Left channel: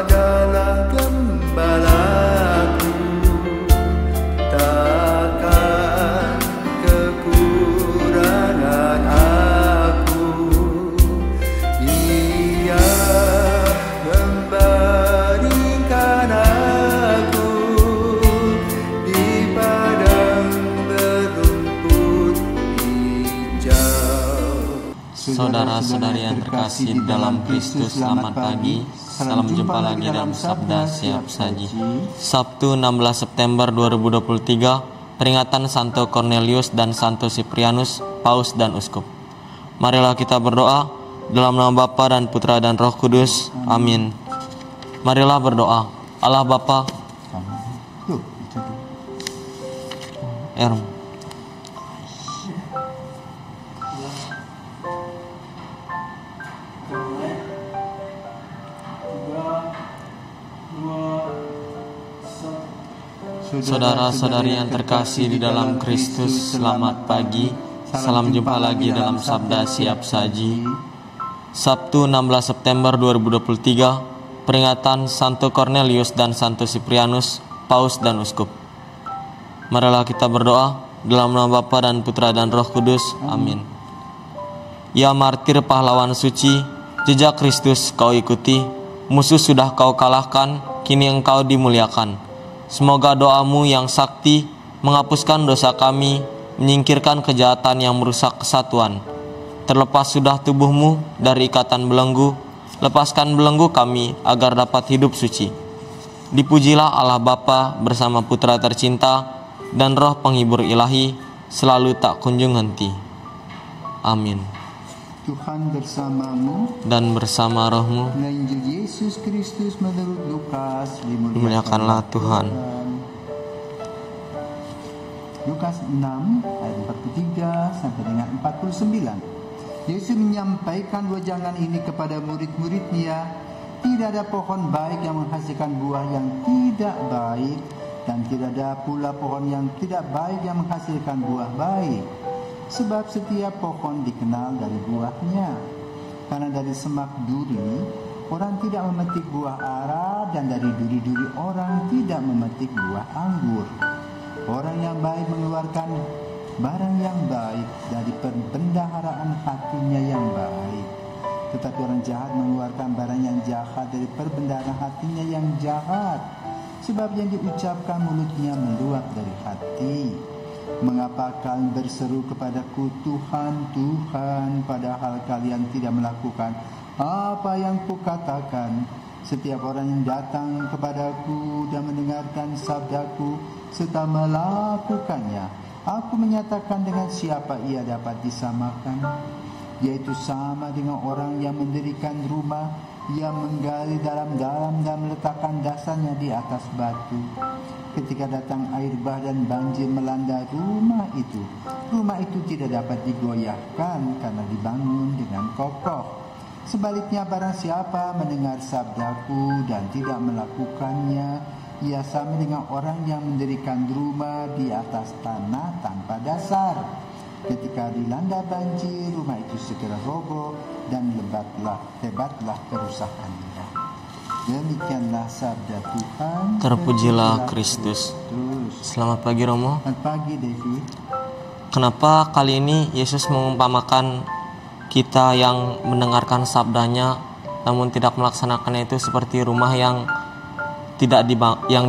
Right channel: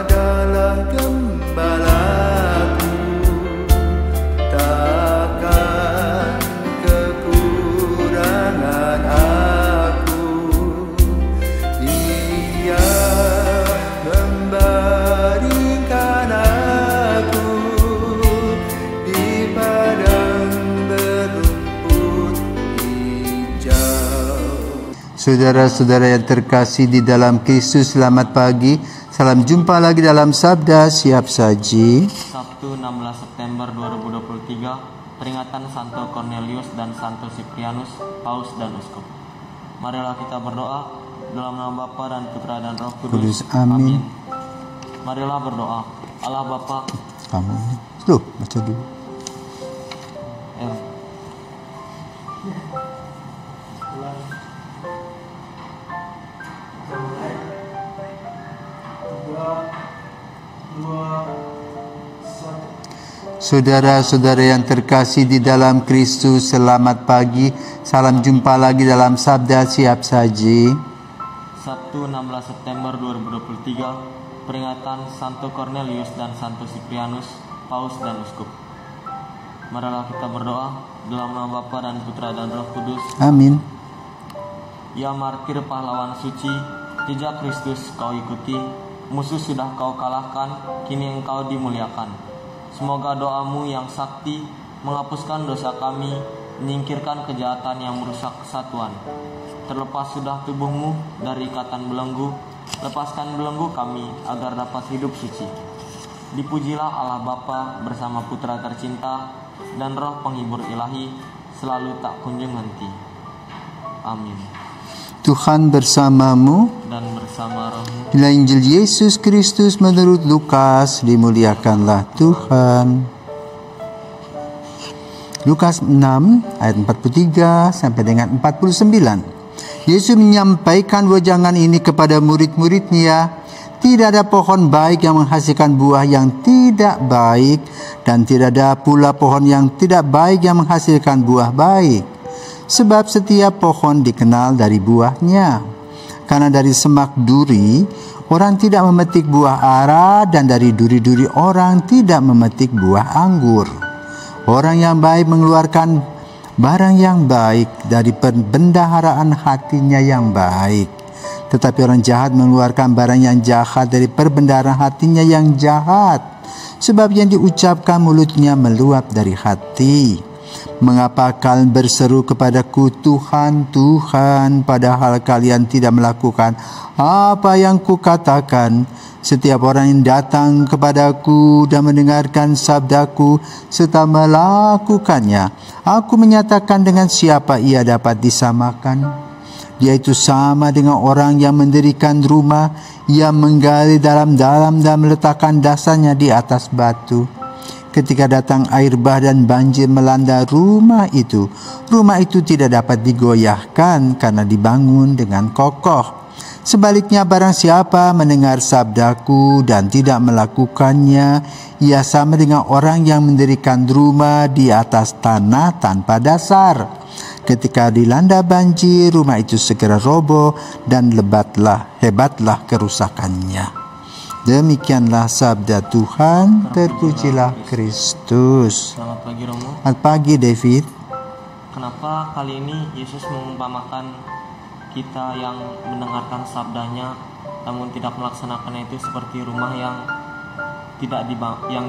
adalah gembalaku, takkan kekurangan aku. Ia membaringkan aku di padang berumput hijau. Saudara-saudara yang terkasih di dalam Kristus, selamat pagi. Salam jumpa lagi dalam Sabda Siap Saji. Sabtu 16 September 2023, peringatan Santo Cornelius dan Santo Siprianus, Paus dan Uskup. Marilah kita berdoa dalam nama Bapa dan Putra dan Roh Kudus. Amin. Marilah berdoa. Allah Bapa. Amin. Loh, baca dulu. Saudara-saudara yang terkasih di dalam Kristus, selamat pagi. Salam jumpa lagi dalam Sabda Siap Saji. Sabtu 16 September 2023, peringatan Santo Cornelius dan Santo Siprianus, Paus dan Uskup. Marilah kita berdoa dalam nama Bapa dan Putra dan Roh Kudus. Amin. Ya martir pahlawan suci, jejak Kristus kau ikuti, musuh sudah kau kalahkan, kini engkau dimuliakan. Semoga doamu yang sakti menghapuskan dosa kami, menyingkirkan kejahatan yang merusak kesatuan. Terlepas sudah tubuhmu dari ikatan belenggu, lepaskan belenggu kami agar dapat hidup suci. Dipujilah Allah Bapa bersama Putra tercinta dan Roh penghibur ilahi, selalu tak kunjung henti. Amin. Tuhan bersamamu Dan bersama rohmu. Inilah Injil Yesus Kristus menurut Lukas. Dimuliakanlah Tuhan. Lukas 6 ayat 43 sampai dengan 49. Yesus menyampaikan wejangan ini kepada murid-muridnya. Tidak ada pohon baik yang menghasilkan buah yang tidak baik, dan tidak ada pula pohon yang tidak baik yang menghasilkan buah baik. Sebab setiap pohon dikenal dari buahnya. Karena dari semak duri orang tidak memetik buah ara, dan dari duri-duri orang tidak memetik buah anggur. Orang yang baik mengeluarkan barang yang baik dari perbendaharaan hatinya yang baik. Tetapi orang jahat mengeluarkan barang yang jahat dari perbendaharaan hatinya yang jahat. Sebab yang diucapkan mulutnya meluap dari hati. Mengapa kalian berseru kepadaku, Tuhan, Tuhan, padahal kalian tidak melakukan apa yang kukatakan? Setiap orang yang datang kepadaku dan mendengarkan sabdaku serta melakukannya, aku menyatakan dengan siapa ia dapat disamakan. Dia itu sama dengan orang yang mendirikan rumah, yang menggali dalam-dalam dan meletakkan dasarnya di atas batu. Ketika datang air bah dan banjir melanda rumah itu tidak dapat digoyahkan karena dibangun dengan kokoh. Sebaliknya, barang siapa mendengar sabdaku dan tidak melakukannya, ia sama dengan orang yang mendirikan rumah di atas tanah tanpa dasar. Ketika dilanda banjir, rumah itu segera roboh dan hebatlah kerusakannya. Demikianlah sabda Tuhan. Terpujilah Kristus. Selamat pagi Romo. Selamat pagi David. Kenapa kali ini Yesus mengumpamakan kita yang mendengarkan sabdanya namun tidak melaksanakannya itu seperti rumah yang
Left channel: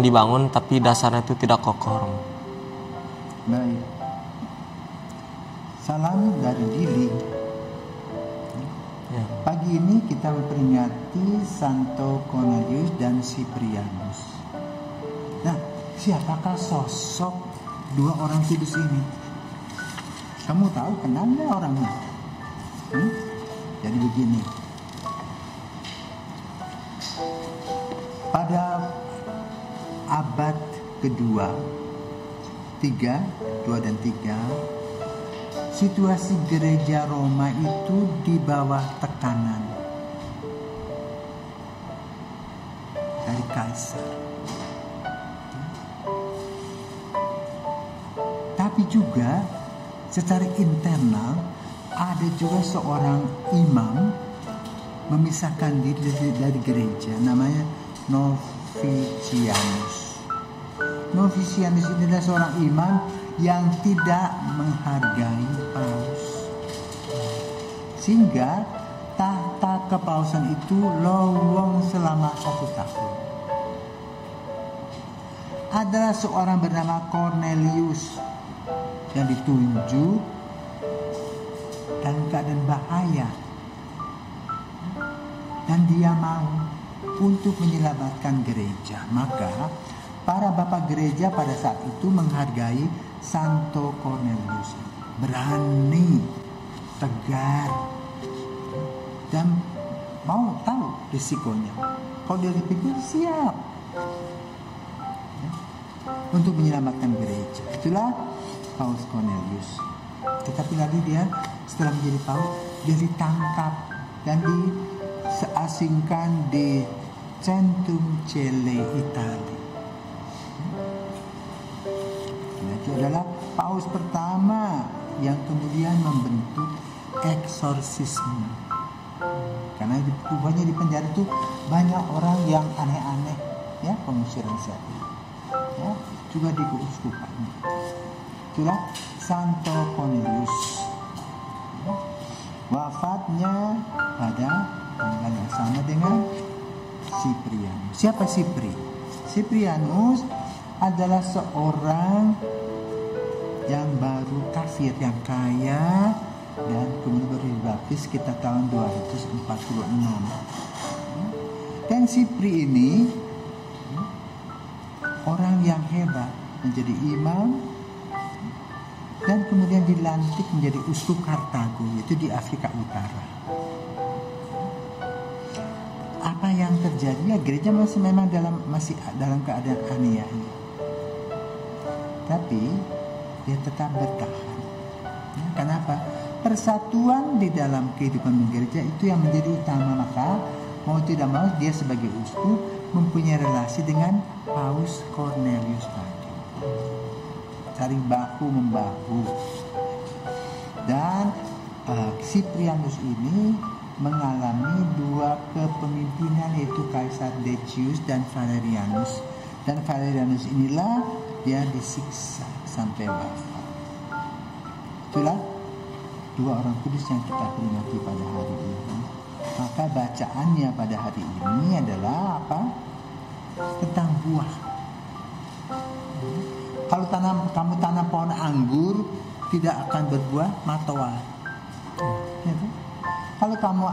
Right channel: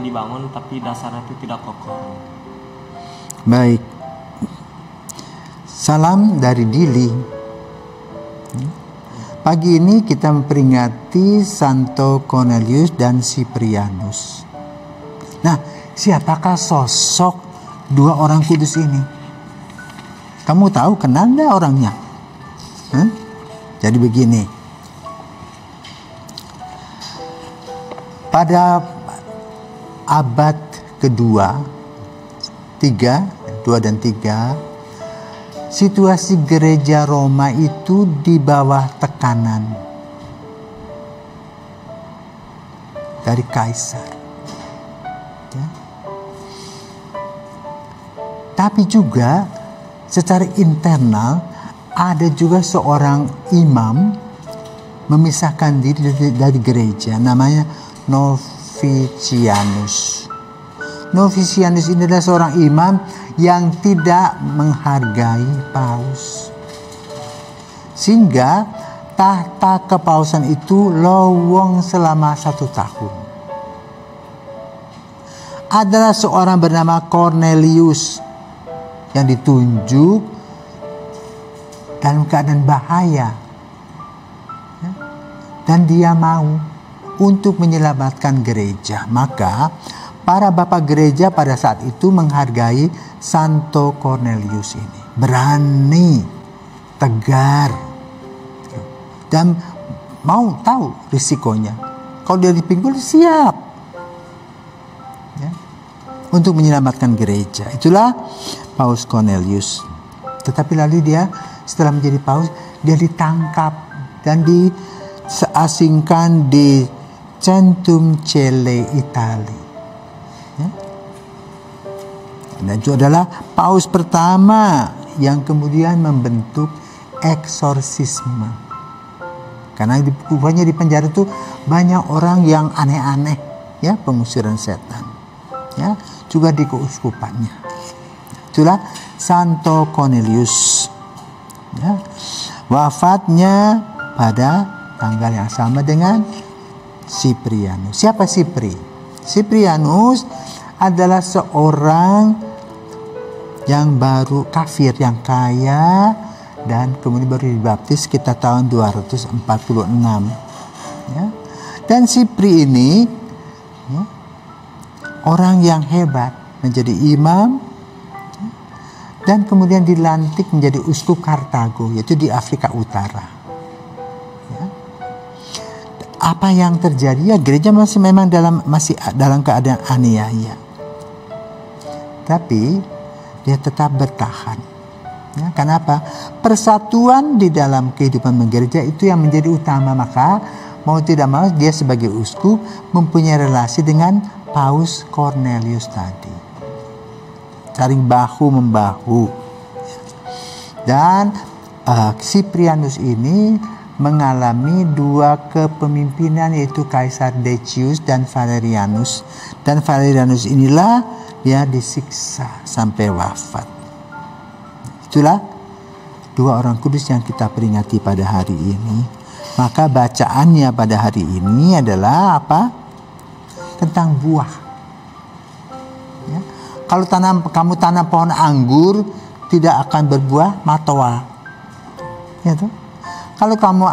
dibangun tapi dasarnya itu tidak kokoh? Baik. Salam dari Dili. Pagi ini kita memperingati Santo Cornelius dan Siprianus. Nah, siapakah sosok dua orang kudus ini? Kamu tahu, kenal nggak orangnya? Jadi begini. Pada abad kedua, 2 dan 3, situasi gereja Roma itu di bawah tekanan dari kaisar. Tapi juga secara internal ada juga seorang imam memisahkan diri dari gereja, namanya Novicianus. Novicianus ini adalah seorang imam yang tidak menghargai paus, sehingga tahta kepausan itu lowong selama 1 tahun. Adalah seorang bernama Cornelius yang ditunjuk dalam keadaan bahaya, dan dia mau untuk menyelamatkan gereja. Maka para bapak gereja pada saat itu menghargai Santo Cornelius ini. Berani, tegar, dan mau tahu risikonya. Kalau dia dipinggul, siap ya, untuk menyelamatkan gereja. Itulah Paus Cornelius. Tetapi lalu dia setelah menjadi paus, dia ditangkap dan diasingkan di Centum Celle, Italia. Dan itu adalah paus pertama yang kemudian membentuk eksorsisme. Karena rupanya di penjara itu banyak orang yang aneh-aneh, ya, pengusiran setan. Ya, juga di keuskupannya. Itulah Santo Cornelius. Ya. Wafatnya pada tanggal yang sama dengan Cyprianus. Siapa Cyprianus? Cyprianus adalah seorang yang baru kafir, yang kaya, dan kemudian baru dibaptis sekitar tahun 246. Ya. Dan Cyprianus ini ya, orang yang hebat, menjadi imam, dan kemudian dilantik menjadi uskup Kartago, yaitu di Afrika Utara. Ya. Apa yang terjadi? Ya, gereja masih dalam keadaan aniaya. Tapi dia tetap bertahan. Ya, kenapa? Persatuan di dalam kehidupan gereja itu yang menjadi utama. Maka mau tidak mau dia sebagai uskup mempunyai relasi dengan Paus Cornelius tadi. Saling bahu membahu. Dan Cyprianus ini mengalami 2 kepemimpinan, yaitu Kaisar Decius dan Valerianus. Dan Valerianus inilah dia disiksa sampai wafat. Itulah 2 orang kudus yang kita peringati pada hari ini. Maka bacaannya pada hari ini adalah apa? Tentang buah. Ya. Kalau kamu tanam pohon anggur, tidak akan berbuah matoa. Ya, tuh. Kalau kamu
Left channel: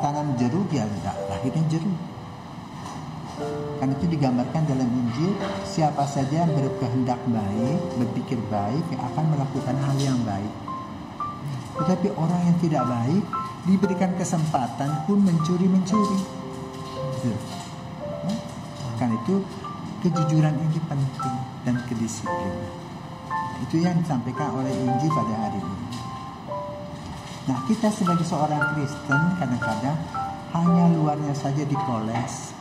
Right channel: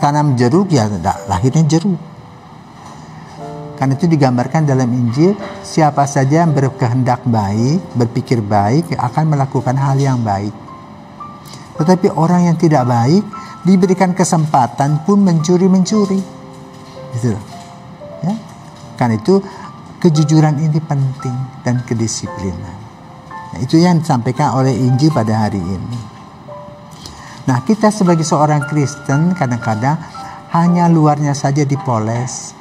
tanam jeruk, ya lahirnya jeruk. Karena itu digambarkan dalam Injil, siapa saja yang berkehendak baik, berpikir baik, akan melakukan hal yang baik. Tetapi orang yang tidak baik, diberikan kesempatan pun mencuri-mencuri. Gitu. Ya? Karena itu kejujuran ini penting, dan kedisiplinan. Nah, itu yang disampaikan oleh Injil pada hari ini. Nah, kita sebagai seorang Kristen kadang-kadang hanya luarnya saja dipoles.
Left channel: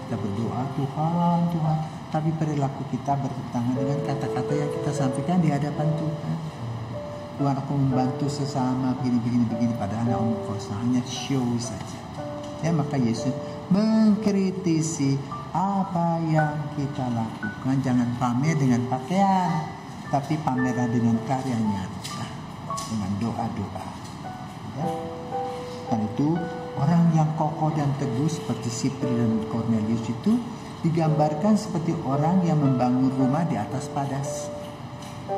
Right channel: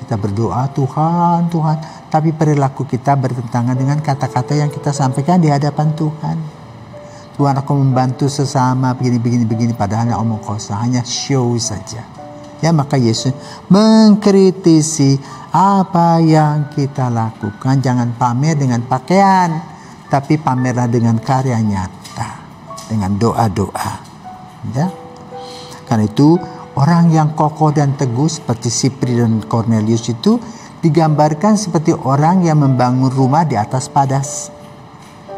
Kita berdoa, Tuhan, Tuhan, tapi perilaku kita bertentangan dengan kata-kata yang kita sampaikan di hadapan Tuhan. Tuhan, aku membantu sesama begini, padahal hanya omong kosong, hanya show saja. Ya, maka Yesus mengkritisi apa yang kita lakukan. Jangan pamer dengan pakaian, tapi pamerlah dengan karya nyata, dengan doa-doa. Ya. Karena itu orang yang kokoh dan teguh seperti Cyprianus dan Cornelius itu digambarkan seperti orang yang membangun rumah di atas padas.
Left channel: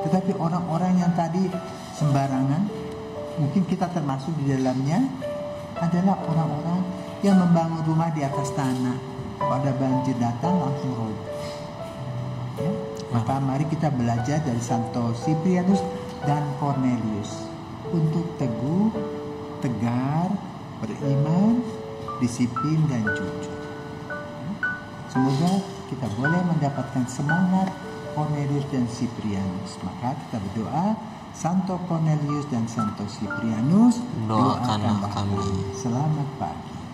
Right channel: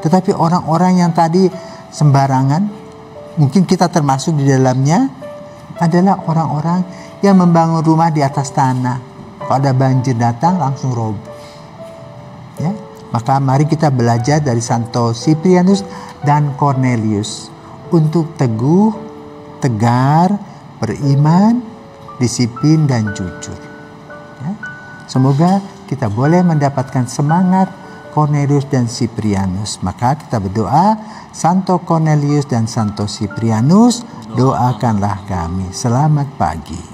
Tetapi orang-orang yang tadi sembarangan, mungkin kita termasuk di dalamnya, adalah orang-orang yang membangun rumah di atas tanah. Kalau ada banjir datang langsung roboh. Ya? Maka mari kita belajar dari Santo Cyprianus dan Cornelius untuk teguh, tegar, beriman, disiplin, dan jujur. Ya. Semoga kita boleh mendapatkan semangat Cornelius dan Cyprianus. Maka kita berdoa, Santo Cornelius dan Santo Cyprianus, doakanlah kami. Selamat pagi.